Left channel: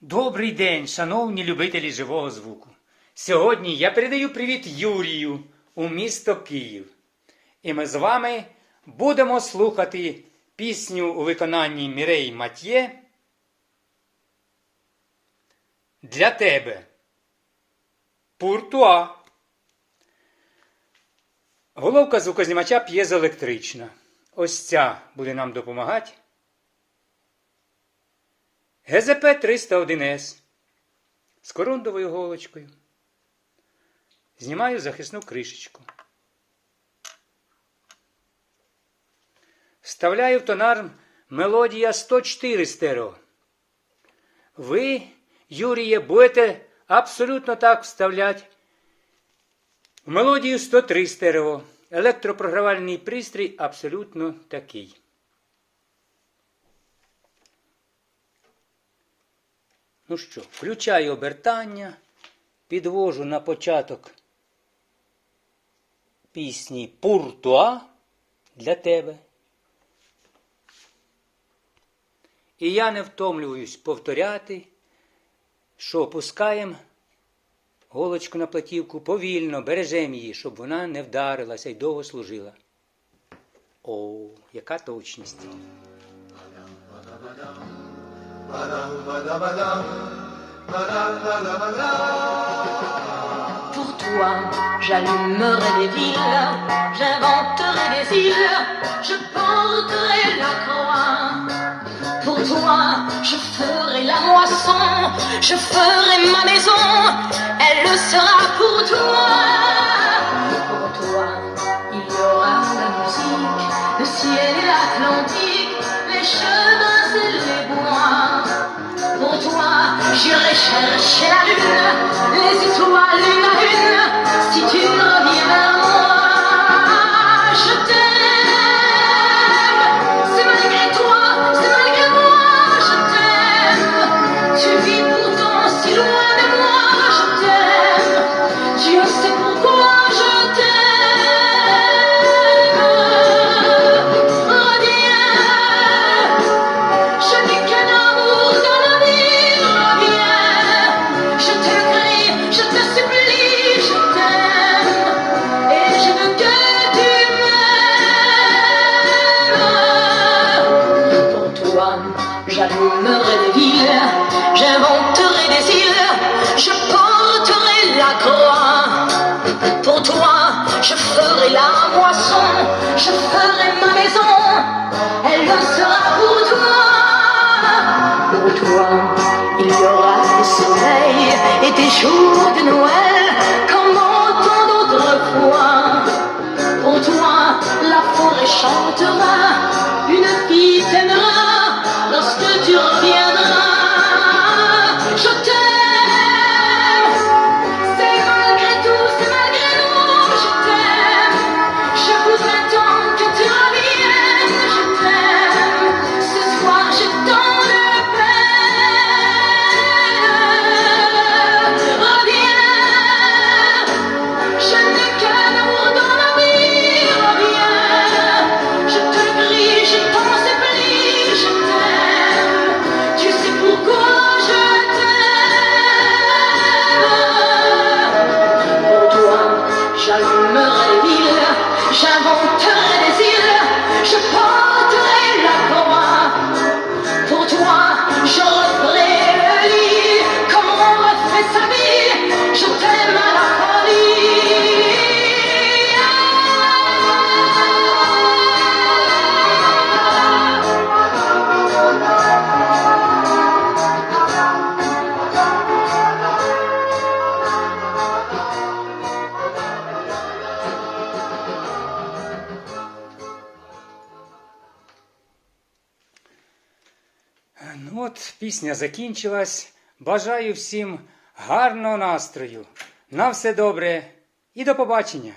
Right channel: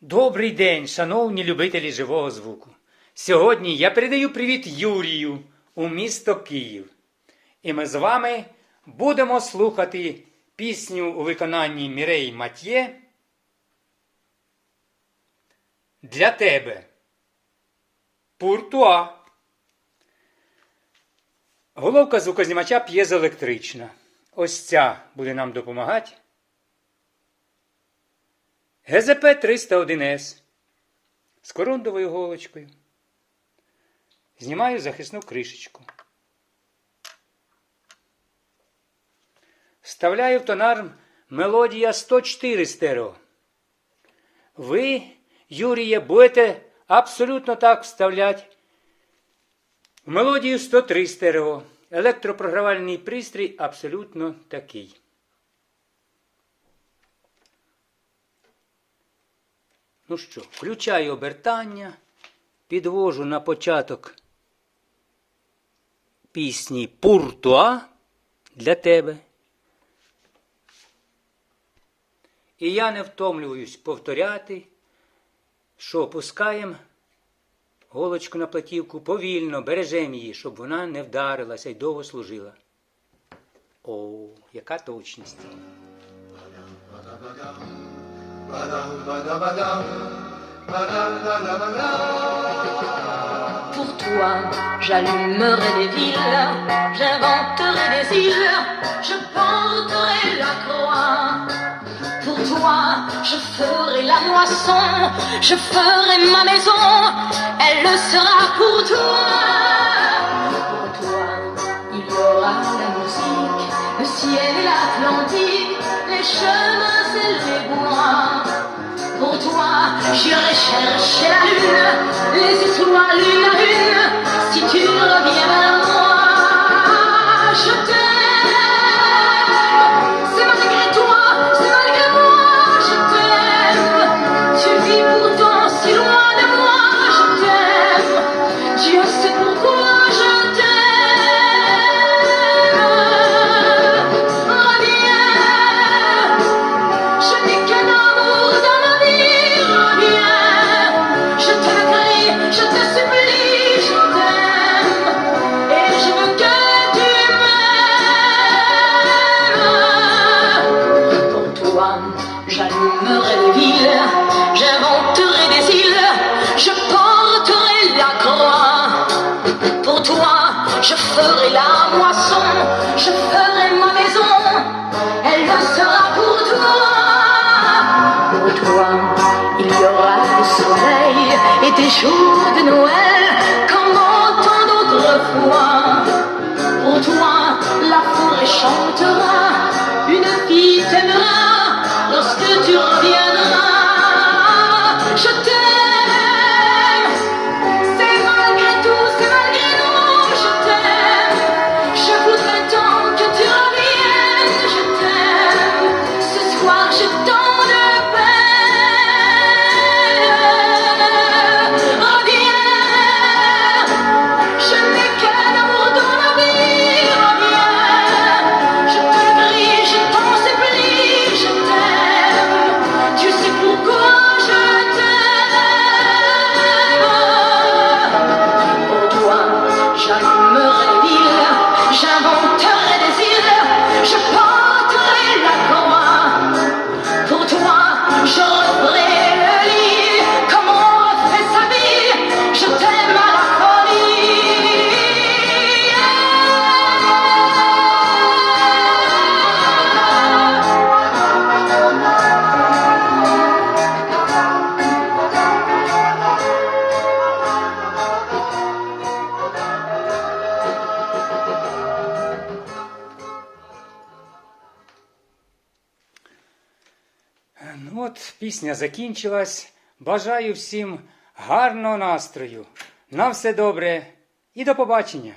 Добрий день, шановні любителі живого звуку. Сьогодні я передаю привіт Юрію у місто Київ. І ми з вами будемо слухати пісню у виконанні Мірей Матьє для тебе. Пуртуа. Головка звукознімача п'єзоелектрична. Ось ця буде нам допомагати. ГЗП 301С з корундовою голочкою. Знімаю захисну кришечку. Вставляю в тонар мелодія 104 стерео. Ви, Юріє, будете абсолютно так вставляти в мелодію 103 стерео. Електропрогравальний пристрій абсолютно такий. Ну що, включаю обертання, підвожу на початок пісні Пуртуа для тебе. І я не втомлююсь повторяти, що опускаємо голочку на платівку повільно, бережемо її, щоб вона не вдарилася і довго служила. О, яка точність! Pour toi, j'allumerai les villes, j'inventerai des îles, je porterai la croix. Pour toi, je ferai la moisson, je ferai ma maison, elle le sera pour toi. Pour toi, il y aura la musique, le ciel et l'Atlantique, les chemins Je recherche la lune, et c'est sous ma lune, si tu reviens vers moi. J'inventerai des îles, je porterai la croix. Pour toi, je ferai la moisson, je ferai ma maison, elle le sera pour toi. Pour toi, don't от, пісня закінчилась. Бажаю всім гарного настрою. На все добре і до побачення!